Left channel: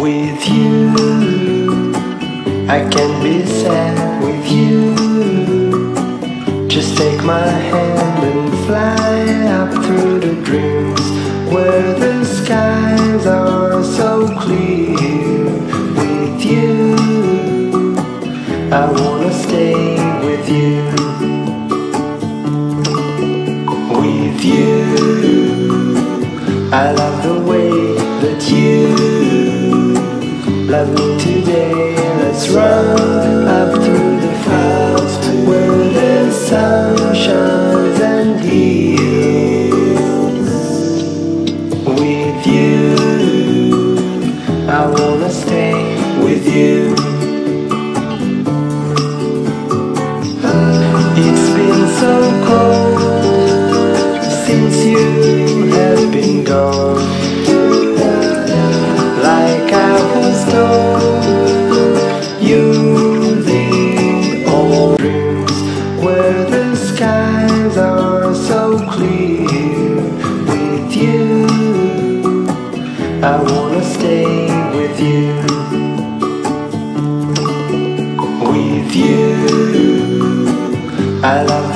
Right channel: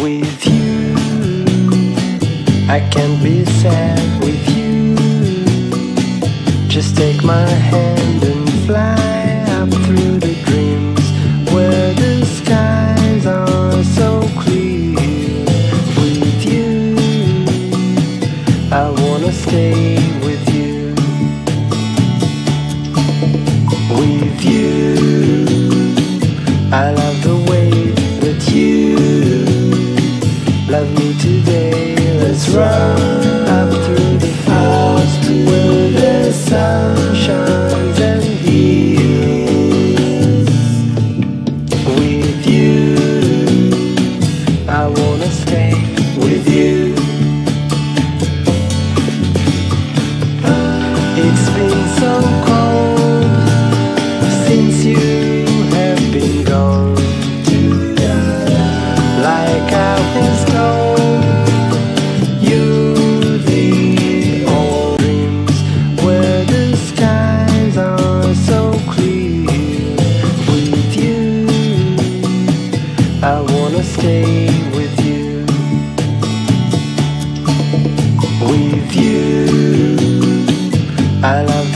With you, I can't be sad with you. Just take my hand and fly up through the dreams where the skies are so clear. With you, I wanna stay with you. With you, I love the way that you love me today. Let's run up through the fields where the sun shines and heals. With you, I wanna stay with you. It's been so cold since you have been gone. Like I was told, you're the old dreams where the skies are so clear. With you, I wanna stay with you. With you, I love